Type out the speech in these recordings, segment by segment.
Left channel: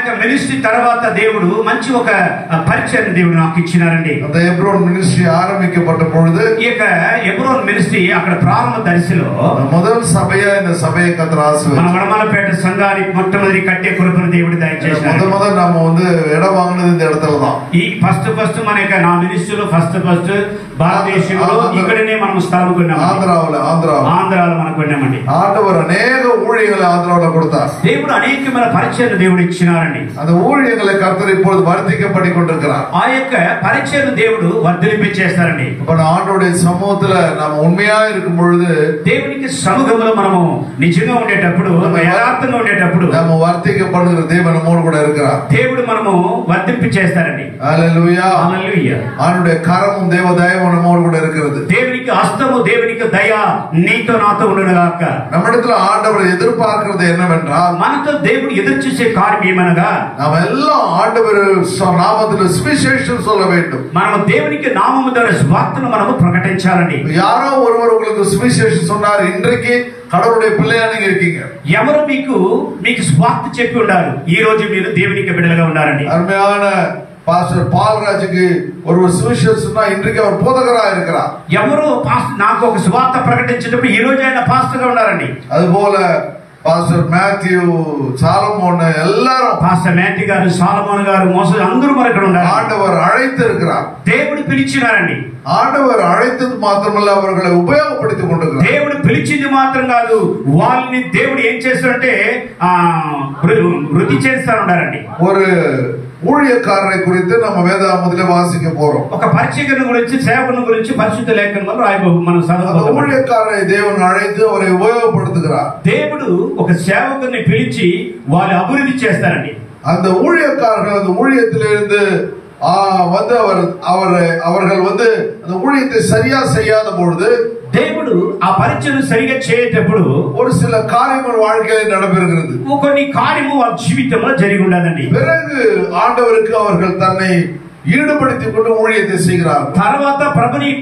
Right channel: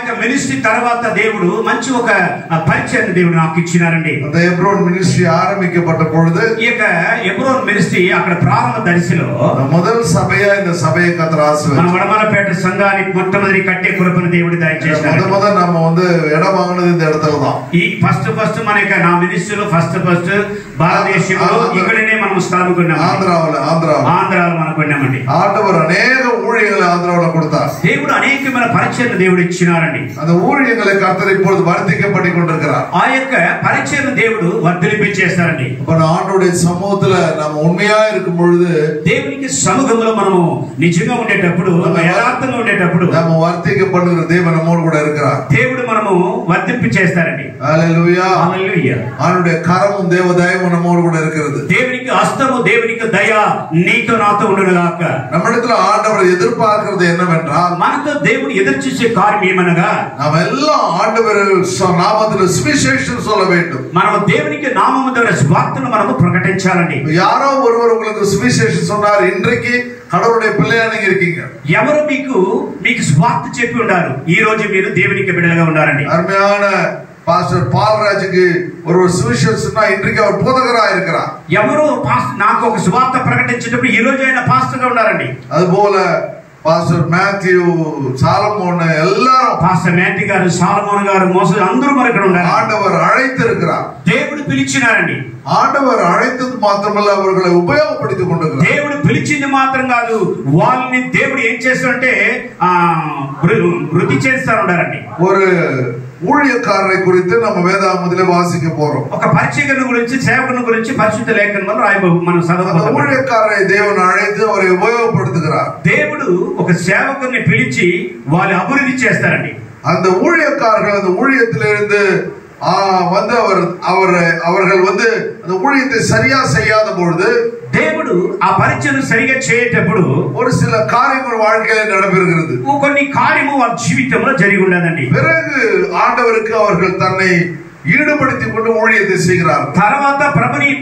యొక్క మినిస్ట్రీ తర్వాత దేవుడు మంచి ఒక పరిచయం దేవుడు నాకు ఇచ్చినారండి. ఎబ్రోన్ మినిస్ట్రీ ఆరంభించబడ్డ పొழுது ఈ యొక్క ఎబ్రోన్ మినిస్ట్రీ అక్కడ ప్రారంభ దశలో మొదటి సభయ இந்த சபையை கர்த்தர் ஆசீர்வதித்தார். మన వడమలపేట సంఘానికి మొట్టమొదటి కట్టే కృపను దేవుడు దయచేశారు. మొదట నామ ఇடம் వాங்கினது இந்த இடத்துல தான். ఈ ఫస్ట్ మన యొక్క నా మినిస్ట్రీలో ఫస్ట్ భారతదేశంలో ఇక్కడనే మనం స్థానం కొన్నాము. ఆంధ్రాలో మనం కొన్నామండి. ఆండవర్ అనేక ఊழியங்களை ఆంధ్రాలో கொடுத்தார். దేవుడు అనేకమైన పరిచయం దేవుడు ఇచ్చినారండి. அந்த ஊழியங்களை கர்த்தர் இப்பொழுது வர்த்திக்கப்பட்டு கொண்டிருக்கிறார். ఆ యొక్క పరిచయం దేవుడు వర్ధిల్లించేస్తారండి. మన ఆండవరుடைய సముఖத்துல நாம் ఉண்மையா இருக்கும் பொழுது దేవునికి సముఖంలో మనము నిజంగా ఉండేటప్పుడు యథార్థంగా ఉండేటప్పుడు நாம் வர்த்திக்கப்படுகிற தேவன் நம்மோடு கூட இருக்கிறார். దేవుడు మనము వర్ధిల్లించేస్తారండి. హల్లెలూయా హల్లెలూయా. அவருடைய கரமும் தேவதயமும் நம்மோடு கூட இருக்கிறது. దేవునికి హస్తము దేవునికి దయ నీతో నాతో ఉండునుగాక. நம்மிடத்துல ஆண்டவர் எதிர்பார்க்கிறது என்னவென்றால் మనతో దేవుడు ఎదురు చూసే కార్యం ఏమనగా நாம் எல்லாம் ஆண்டவர் நாமத்தில் சுவிசேஷம் சொல்ல வேண்டும். మనం దేవునికి నామము ద్వారా సువార్తను మనము ప్రకటించాలండి. யாரோ ஒருவர் உங்களுக்கு சுவிசேஷம் சொன்னார், இன்றைக்கு கடவுளுடைய பிள்ளையா நீங்க இருக்கீங்க. ఎవరు మీకు సువార్త చెప్పి ఉన్నారు, ఈ రోజు మీరు దేవునికి బిడ్డలుగా ఉన్నారండి. అరుமையான பாஸ்டர் பால்ராஜுக்கு ஒரு சுவிசேஷம்னா இன்றைக்கு அவர் போதகரா இருக்கிறார். ఎవరు నాకు ఒక సువార్త ప్రకటించేటప్పుడు ఈ రోజు ఆయన పాస్టర్ గా ఉన్నారండి. அதுபோல పాస్టర్ మాథ్యూ సాలమోన్ எல்லாரும் పాస్టర్ మాథ్యూ గారు సాలమోన్ గారు మోసే అందరూ మరి ఇక్కడ ఉన్నారు. ஆண்டவர் அழைத்திருக்கிறார். దేవుడు పిలిచినారండి. ఆండవర్ అழைతది మాత్రమల్ల அவர்களை ఉపయోగపడుతూ கொண்டிருக்கிறார். దేవుడు పిలిచింది మాత్రం కాదు, వాళ్ళని దేవుడు ఏం చేస్తారంటే వృద్ధి చేస్తా ఉన్నారండి. ஒரு ஊழியக்காரரை குறித்து நம்ம வேதாகமத்திலே வாசிக்க போறோம். ఒక పరిచర్యను గురించి సేవకుని గురించి పరిశుద్ధ లేఖనంలో మనం చదవబోతున్నాం. ஊழியக்காரரை దేవుడు అழைத்து அவரை ఉపయోగపడుతుகிறார். దేవుడు ఒక సేవకుని పిలిచి వాళ్ళు అభివృద్ధి చేస్తారండి. அந்த ஊழியக்காரர்கள் அந்த ஊழியத்திலிருந்து வந்து அவர்கள் வந்து அந்த ஊழியத்தை சரியா செய்யாத பொழுது దేవుడు ఆ పరిచయం సరిగా చేయటప్పుడు ஒரு சில காரியங்கள் வாழ்க்கையில நடைபெறுகிறது. కొన్ని కార్యము వాళ్ళ జీవితంలో జరిగి ఉండదండి. பிறகு ஆண்டவருக்கு அவர்கள் தன்னை ஈடுபடுத்திக் கொண்டு ஊழியத்தை செய்கிறார். తర్వాత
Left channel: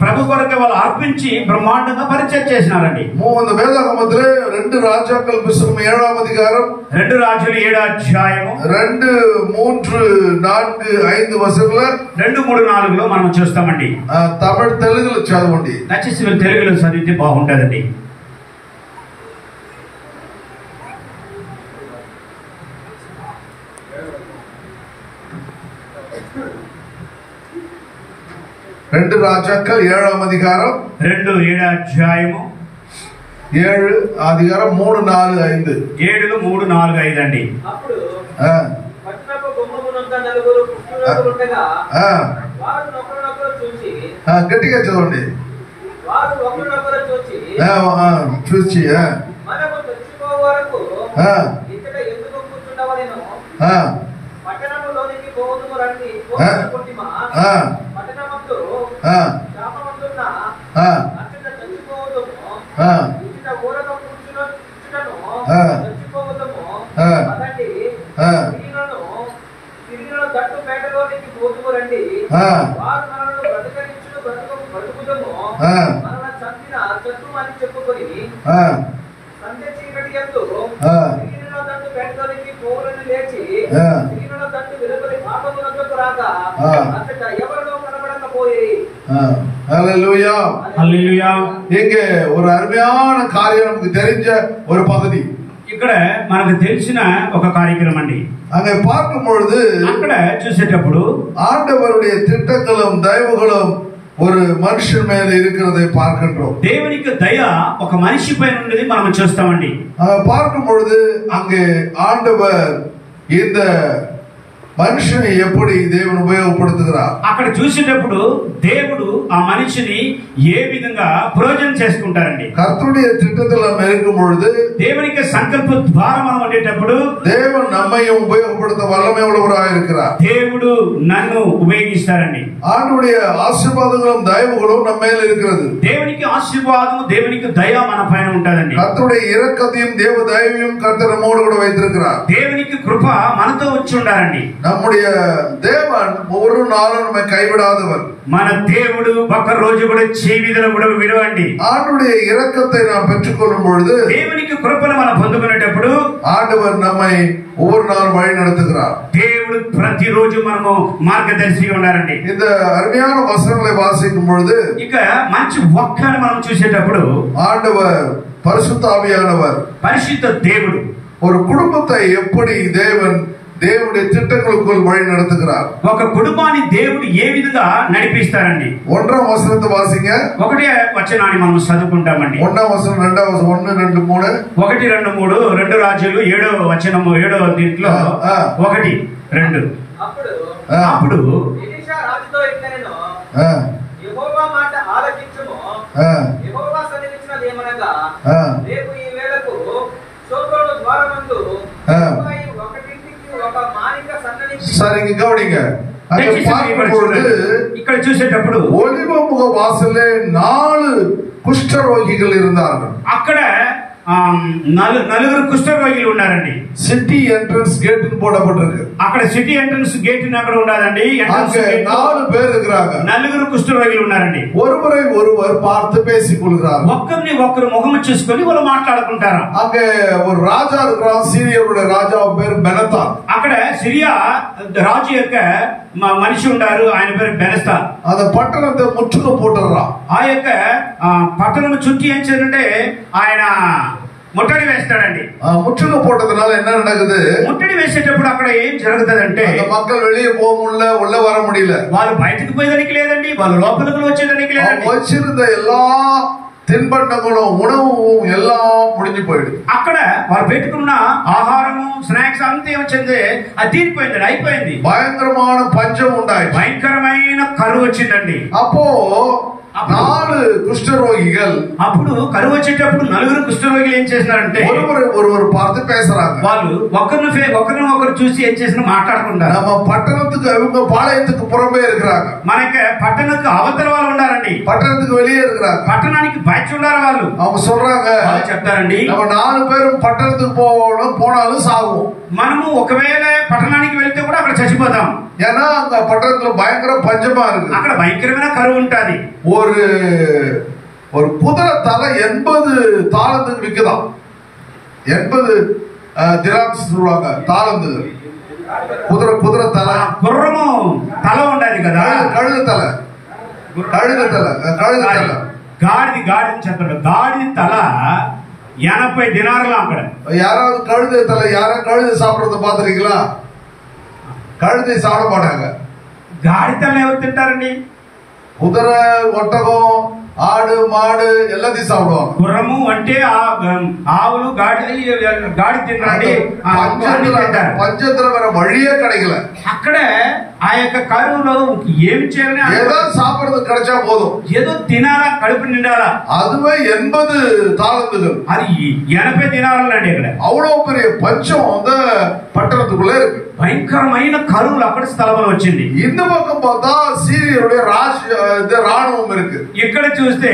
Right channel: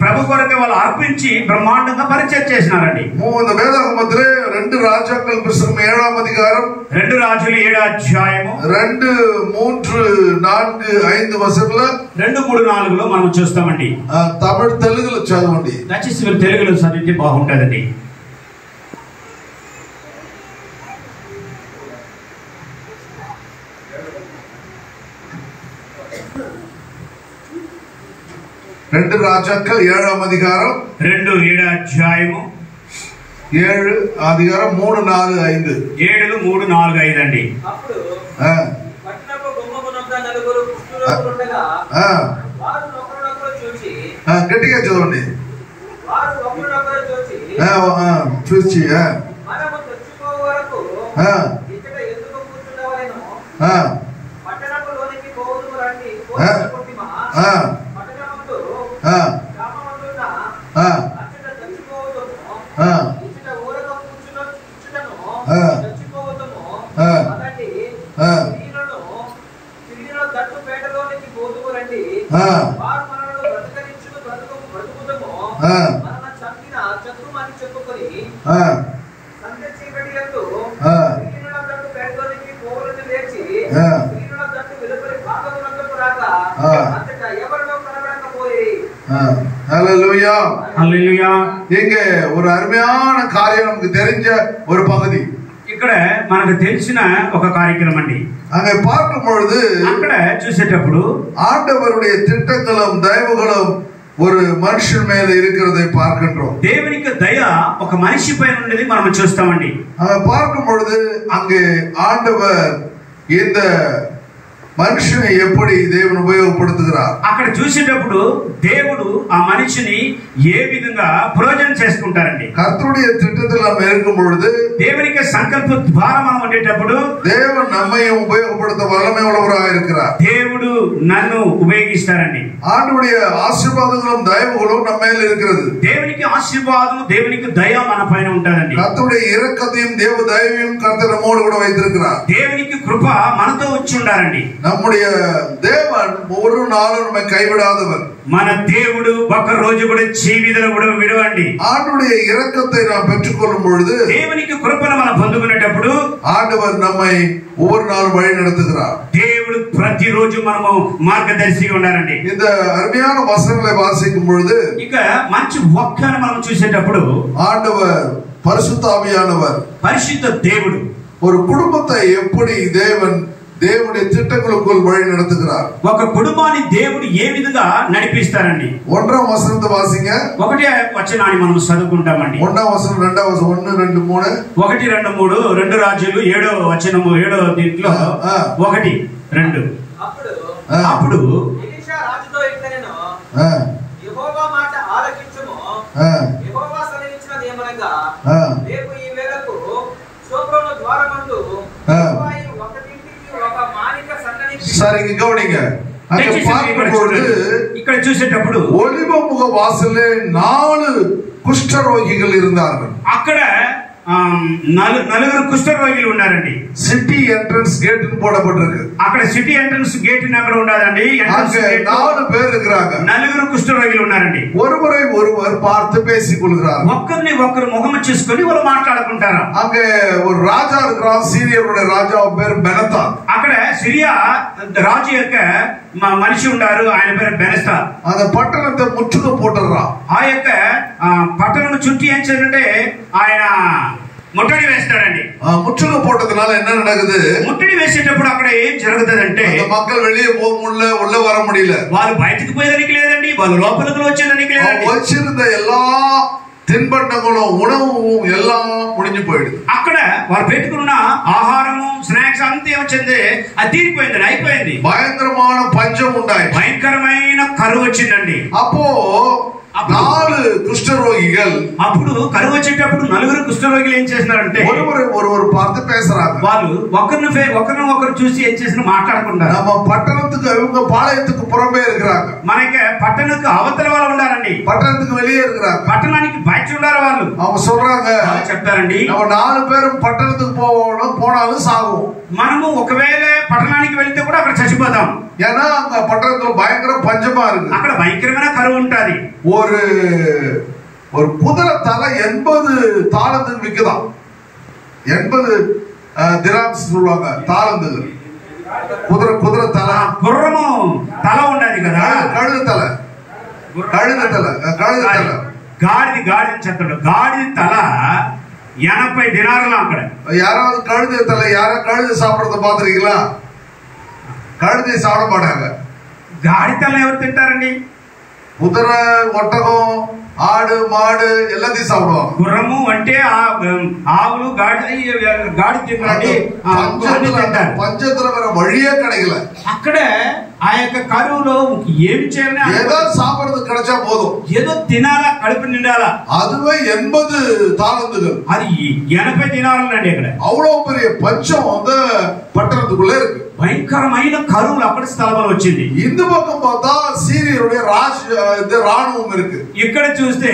ప్రభు కొరకు వాళ్ళు అర్పించి బ్రహ్మాండంగా పరిచయం చేసినారండి. వేదాగమத்திலே 2 రాజాக்கள் పుస్తకం 7వ అధ్యాయం 2 రాజులు 7వ అధ్యాయము 2, 3, 4, 5 వచనాలు 2, 3, 4లో మనం చూస్తామండి. తమిళ తెలుగులో చదవండి. దయచేసి తెలుగులో చదివితే బాగుంటుందండి. రెండు రాజాக்கள் 7వ అధ్యాయం 7వ అధ్యాయము 7 అధ్యాయం 3, 4, 5 7, 3, 4, 5 అండి. అప్పుడు పట్టణపు గుమ్మమునొద్ద నలుగురు పుష్టులు ఉండగా వారు ఒకరినొకరు చూచి గట్టిగా చదవండి. వారు ఒకరినొకరు చూచి మనము చచ్చిపో వరకు ఇక్కడ ఎందుకు కూర్చుండవలెను, పట్టణములోనికి పోదుము రండి పోదుకుంటిమా, పట్టణమందు గ్రామమందున్న అచ్చట చచ్చిపోవదము, ఇచ్చట ఊరగా కూర్చుటను చచ్చిపోవదము, అదండి తిరిగిలో దట్టు పేటలోనికి పోదుము రండి, వారు మనను బ్రతకరించును బ్రతుకుదము, మనల్ని చంపిన చతుమని చెప్పుకొని సంధ్య చీకటి యందు తిరిగిలో దట్టు పేటలోనికి పోవులను లేచి తిరిగిలో దట్టు వెలుపలి భాగమునకు రాగా అంతటా ఎవరిలో కనబడకపోయి. ஹல்லேலூயா హల్లెలూయా. இங்கே ஒரு அருமையான காரியம் நமக்கு தெரிஞ்ச ஒரு பகுதி. ఇక్కడ మనకు తెలిసిన ఒక కార్యక్రమం అండి. அங்கே பார்க்கும் பொழுது అక్కడ చూసేటప్పుడు ஆண்டவருடைய திட்டங்களும் தயவுகளும் ஒரு மனுஷன் மேல இருக்கிறதை பார்க்கின்றோம். దేవునికి దయ ఒక మనిషి పైన ఉండేది మనం చూస్తామండి. பார்க்கும் பொழுது அங்கே ஆண்டவர் இந்த మనిషిని ఎప్పుడు దేవుని ఉపయోగపడుతున్నారు. అక్కడ చూసేటప్పుడు దేవుడు ఆ మనిషిని ఏ విధంగా ప్రయోజనం చేసుకుంటారండి. కర్తృடைய திட்டத்தில் நாம் இருக்கும் பொழுது దేవునికి సంకల్ప ద్వారా మనం ఉండేటప్పుడు దేవుడు நம்மையும் ఉపయోగపడుత వల్లమే உள்ளவராக இருக்கிறார். దేవుడు నన్ను ఉపయోగిస్తారండి. ஆண்டவருடைய ஆசீర్வாதங்களும் தயவுகளும் நம்ம மேல இருக்கிறது. దేవునికి ఆశీర్వాదం దేవునికి దయ మన పైన ఉంటదండి. కర్తృடைய இரக்கத்தையும் தேவ தயவையும் கர்த்தர் நம்மோடு கூட வைத்திருக்கிறார். దేవునికి కృప మనతో వచ్చి ఉండారండి. நம்முடைய தேவன் ஒரு நாளும் நம்மை கைவிடாதவர். మన దేవుడు ఒక రోజు కూడా జీవితలో కూడా విడవండి. ஆண்டவருடைய இரக்கத்தை நாம் பெற்றுக்கொள்ளும் பொழுது, దేవునికి కృపను మనం పొందుకునేటప్పుడు ஆண்டவர் நம்மை ஒவ்வொரு நாளும் வழி நடத்துகிறார். దేవుడు ప్రతిరోజు మనము మార్గదర్శిగా ఉన్నారండి. இந்த அருமையான வசனங்களை வாசிக்கும் பொழுது ఇక మంచి వాక్యాన్ని మనం చూసేటప్పుడు ஆண்டவர் பரிசுத்த ஆவியானவர், పరిశుద్ధ దేవుడు ஒரு குடும்பத்தை எப்படி దేవుடைய திட்டங்களுக்குள் வழி நடத்துகிறார். ఒక కుటుంబాన్ని దేవుడు ఏ విధంగా నడిపిస్తారండి. 1వ వచనంతో వాసింగ 1వ వచనాన్ని మనం చదువుకుంటామండి. 1వ వచనం 2వ వచనం 1 2 3 1 2 3 2 రాజులు 7వ వచనము 7వ దీంట్లో 1 2 అప్పుడు ఎలీషా రాజుతో ఇట్లనెను, యెహోవా మాట ఆలకించుము. యెహోవా సెలవిచ్చినదేమనగా, రేపు ఈ వేళకు సోప్రోను ద్వారమందు సరిగ్గా గౌడిగా ఇక్కడ చూసేటప్పుడు ఒలివ ముఖ వాసలే 4 కుష్ఠరోగిகள் இருந்தார்கள். అక్కడ నలుగురు కుష్ఠరోగులు ఉన్నారండి. సిటీ ఎంట్రన్స్ గేట్ పోడబట్టిருக்கு. అక్కడ సిటీ ఎంట్రన్స్ గేట్ అక్కడ ఉండాలండి. ఎంట్రన్స్ గేట్ 4 பேர் இருக்காங்க. నలుగురు కుష్ఠరోగులు ఉన్నారండి. ஒருவரை ஒருவர் பார்த்து பேசிக்கொள்கிறார். ఒక్కరిని ఒక్కరు ముఖం చూసుకొని వాళ్ళు మాట్లాడుకుంటారు. அங்கே ஒரு ராஜா இருக்கிறான். சீரியருடைய ராஜா పేరు బెనతా. అక్కడ సిరియా రాజు యొక్క మనిషి ఉన్నారు. ఆయన పేరు బెనస్తా. அந்த పట్టణத்தை ముట్టుకు పోటర్రా. ఆ యొక్క పట్టణం చుట్టూ ఏం చేయాలంటే ఆయన ముట్టడి వేస్తాడండి. ముట్టుకు పోటదనాల என்ன நடக்குது? ముట్టడి వేసేటప్పుడు అక్కడ ఏం జరుగుతుందంటే மக்கள் வெளியே போக முடியல, உள்ள வர முடியல. వాళ్ళు బయటకు పోయేదానికి లేదండి, వాళ్ళు లోపలికి వచ్చేదానికి లేదండి. వచ్చిருந்த எல்லா తిன்பண்டங்களும் ఉణவும் எல்லாம் முடிஞ்சு போயிடுது. అక్కడ వాళ్ళు పెట్టుకున్న ఆహారము స్నాక్స్ అంతా వచ్చింది, అది తీరిపోయింది, అయిపోయింది. భయంకరమైన పంచం ఉండాయి. భయంకరమైన కరువు వచ్చిందండి. అప్పో 4 కుష్ఠరోగిகள், అప్పుడు కరువు వచ్చేటప్పుడు 4 కుష్ఠరోగులు ఏం చేస్తున్నారంటే ஒருவர் பார்த்து பேசுறாங்க. వాళ్ళు ఒకరు చూసి ఏం చేసినా మాట్లాడుకుంటారు. நம்ம பட்டணத்துக்கு அவங்க பாளையத்துக்கு புறம்பே இருக்கிறாங்க. మనకి పట్టణத்துக்கு అవతల వాళ్ళు ఉండారండి. పట్టణத்துக்கு வெளியே இருக்கிறாங்க. పట్టణానికి బయట ఉండారు వాళ్ళు. அவங்க சொல்றாங்க, చెప్తారండి, நம்ம 4 பேரும் పట్టణத்துக்கு போனாலும் சாகும். మనము ఒకవేళ పట్టణానికి వెళ్తే కూడా అక్కడ చచ్చిపోతాం. ஏன்னா அங்க பட்டணத்துல பயங்கர பஞ்சமா இருக்கு. అక్కడ భయంకరమైన కరువు ఉంటది. ஒரு குதிரை தலை 80 தாளந்துக்கு விக்குதாம். 80 திராம்ஸ் சொல்லுவாங்க தாளந்துக்கு. குதிரை தலை, గుర్రము తల ఉండాలి కదా, கழுத தலை, గాడిద చెప్తాడు. గాడిద తల 80 దినారులు. అక్కడ யாராவது கழுத தலை, யாரும் கழுத சாப்பிடுறத பாத்துருக்கீங்களா? கழுதை சாப்பிட மாட்டாங்க. గాడి తల ఎవరు తింటారండి? குதிரை, ஒட்டகம், ఆడు మాడు எல்லாத்தையும் சாப்பிடுவாங்க. గుర్రము అంటే ఆవులు, గాడి తింటారండి. పంచத்துல வர வழியே கிடைக்கல. అక్కడ ఆ యొక్క కరువులో ఏమి చేయాలని, ఏదో సాப்பிடுறது கிடைச்சா போதும், ఏదో తినాలా, కడుపు నిండాలా. அதுவே 80 தாளந்துகள், అది 80 దినారులండి. ఇక్కడ அவ்வளவு பெரிய பஞ்சம் அந்த பட்டணத்துக்குள்ள இருக்கு. భయంకరమైన కరువులు అక్కడ స్థలంలో వచ్చింది. இந்த பக்கம் பார்த்தா சீரியருடைய ராணுவம் இருக்கு. ఇక్కడ చూస్తే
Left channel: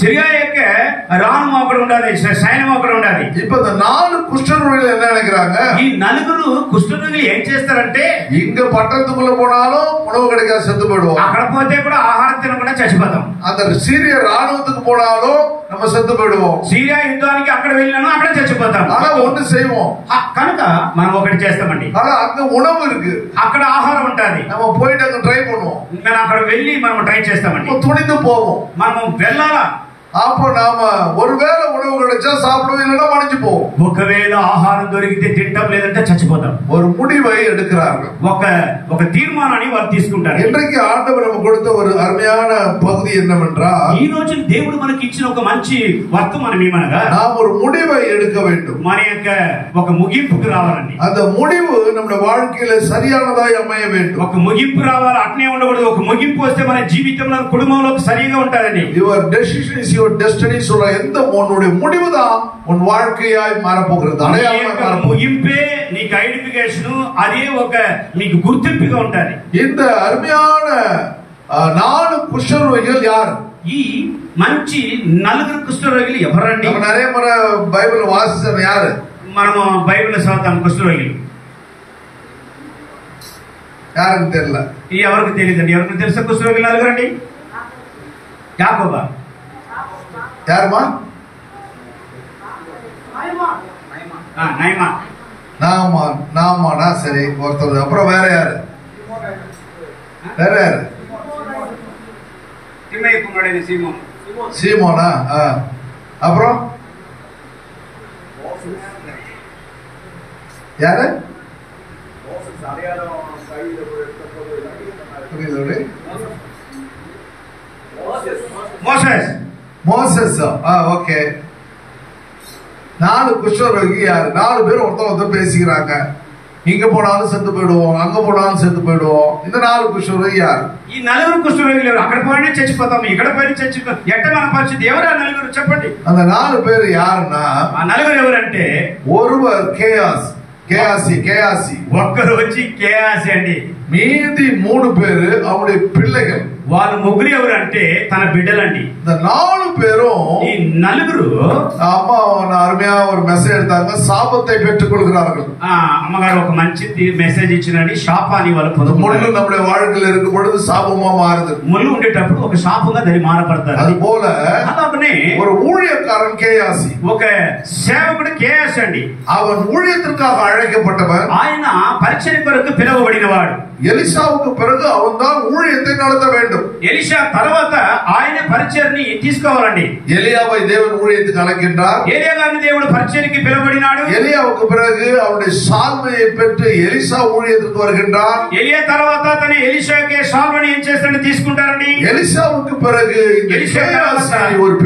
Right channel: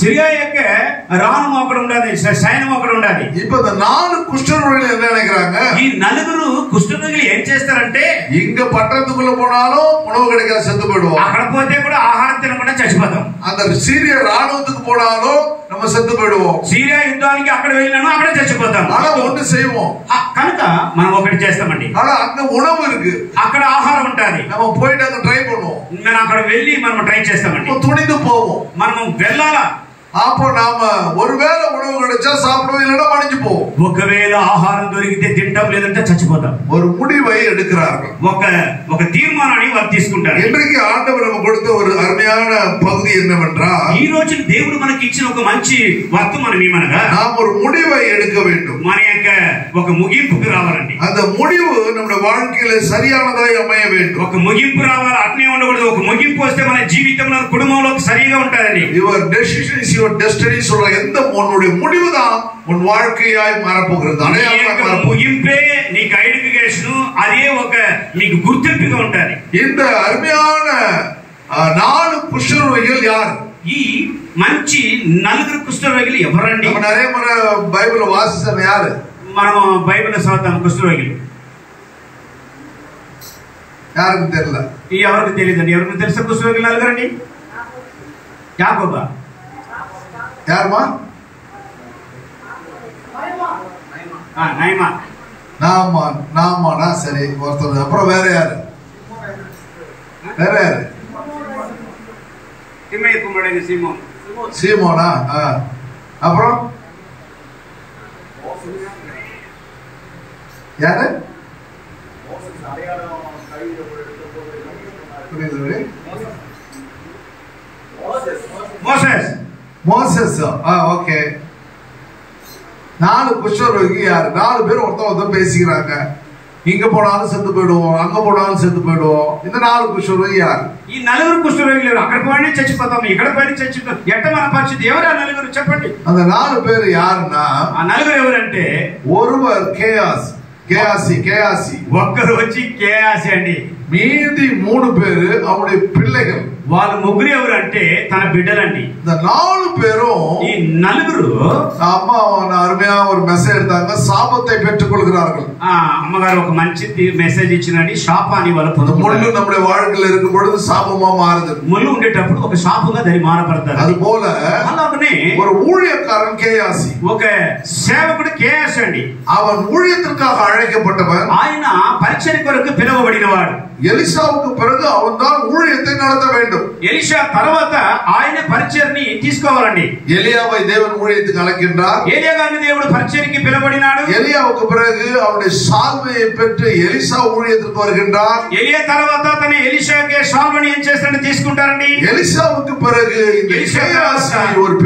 సిరియా యొక్క రాణువు అక్కడ ఉండాలి, సైన్యం అక్కడ ఉండాలి. இப்ப இந்த 4 குஷ்டரோகிகள் என்ன நினைக்கிறாங்க? ఈ 4 కుష్ఠరోగులు ఏం చేస్తారంటే, இங்க பட்டணத்துக்குள்ள போனாலும் உணவு கிடைக்காத செத்து போயிடுவோம். అక్కడ పోతే కూడా ఆహారం తినకుండా చచ్చిపోతాం. அந்த சீரிய ராணுவத்துக்கு போனாலும் நம்ம செத்து போயிடுவோம். సిరియా యుద్ధానికి అక్కడ వెళ్ళినాను, అక్కడ చచ్చిపోతాం. ஆனா ஒண்ணு செய்வோம், కనుక మనం ఒకటి చేస్తామండి. ஆனா அங்க உணவு இருக்கு, అక్కడ ఆహారం ఉంటది. நம்ம போயிட்டு அங்க ட்ரை பண்ணுவோம். మనం అక్కడ వెళ్ళి మనం ట్రై చేస్తామండి. துணிந்து போவோம். మనం వెళ్ళాలా? அப்போ நாம ஒருவேளை உணவு கிடைச்சா சாப்பிடுவோம், இல்லைன்னா மடிஞ்சு போவோம். ఒకవేళ ఆహారం దొరికితే తింటాం, లేదంటే చచ్చిపోతాం. ஒரு முடிவை எடுக்கிறார்கள். ఒక తీర్మానాన్ని వారు తీసుకుంటారు. இன்றைக்கு ஆண்டவர் நமக்கு கொடுத்த ஒரு அருமையான பகுதி என்னவென்றால், ఈ రోజు దేవుడు మనకి ఇచ్చిన ఒక మంచి వర్తమానం ఏమనగా, நாம் ஒரு முடிவை எடுக்க வேண்டும். మన యొక్క ఒక ముగింపుకు రావాలండి. அந்த முடிவு நம்முடைய வாழ்க்கையில சரியானதாய் அமைய வேண்டும். ఒక ముగింపు రావాలి, అట్నే ఉండకూడదు. ఒక ముగింపు వస్తే మన జీవితంలో, కుటుంబంలో సరిగా ఉంటుందండి. Your decision is your destiny சொல்ற எந்த உன்னுடைய முடிவு தான் உன் வாழ்க்கையாய் மாறப்போகிறது. அடையாளமாக ముగింపే నీకు ఐడెంటిఫికేషన్, అదే ఒక నీకు గుర్తింపుగా ఉంటది. இந்த அருமையான 4 குஷ்டரோகிகள் யார்? ఈ మంచి 4 కుష్ఠరోగులు ఎవరండి? நம்ம நிறைய முறை பைபிள் வாசிச்சோம். யாரு? మనం బైబిల్ చదువుతాం కుష్ఠరోగులు. யாருக்கு தெரியல. ఎవరికి తెలియదండి. ఎవరికి తెలుసా కుష్ఠరోగి నలుగురండి? యాకోబా, யாருமா? నయమా, நாமானா சரி ஒருத்தர். அப்புறம் வேற யாரு? வேற யாரு? తిమ్మయ్య కుమారుడైన సీమోను. சீமோனா? அப்புறம் யாரு? మోసెస్. மோசஸ். ஓகே. 4 குஷ்டரோகி யாரு? 4 பேர் ஒருத்தர் பேசிக்கிறாங்க. இங்க போனாலும் செத்து போயிடுவோம், அங்க போனாலும் செத்து போயிடுவோம். இந்த 4 కుష్ఠరోగి யாరు? ఈ 4 కుష్ఠరోగులు ఎవరు? అక్కడ పోయినా చచ్చిపోతాము, ఇక్కడ పోయినా చచ్చిపోతాం. ఎట్ట మన పరిస్థితి? ఎవరు ఆ 4 చెప్పండి? அந்த 4 பேர் யாருன்னா, ఆ 4 ఎవరంటే, ஒருவர் கேயாசி. ఒక్కరు వచ్చి కేయాసి అండి. மீதி 3 பேரு அவருடைய பிள்ளைகள். వాళ్ళు ముగ్గురు ఎవరంటే తన బిడ్డలండి. இந்த 4 பேரும் ఈ 4 அம்மா அருமையா ஒரு மெசேஜ் எடுத்தாங்க. சாபத்தை பெற்றுக் கொள்கிறார்கள். అమ్మగారు ఒక మంచి మెసేజ్ ఇచ్చినండి. శాపాన్ని వాళ్ళు முள்ளு పొందుకుంటారు. நம்முடைய வாழ்க்கையில் இருக்கும் பொழுது சாபமா மாறுது. ముళ్ళు ఉండేటప్పుడు ఒక శాపంగా దాన్ని మారపడతారు. அது போல అలాగనే ஒரு ஊழியக்காரன் கேயாசி, ఒక సేవకుడు కేయాసి అండి. அவன் ஊழியத்திற்காக அழைக்கப்பட்டவன். ఆయన పరిచర్య కొరకు పిలువబడినవాడు. எலிசாவுக்கு பிறகு அவன் தான் ஊழியத்தை நடத்த வேண்டும். ఎలీషా తర్వాత ఆయన పరిచర్ని తీసుకోవాలండి. எலியாவை தேவன் ஊழியத்துக்கு அழைக்கின்றார். ఏలియా గారిని దేవుడు పరిచర్యకి పిలువబడినాడు. எலியாவுக்கு பிறகு அவனுடைய சால்வையை பெற்று எலிசா ஊழியத்திற்கு வருகின்றார். ఎలియా తర్వాత తన ఎలీషాకే సాల్వని ఏం చేస్తాడని తీసుకుంటారండి. எலிசாவுக்கு பிறகு இந்த கேயாசி ஒரு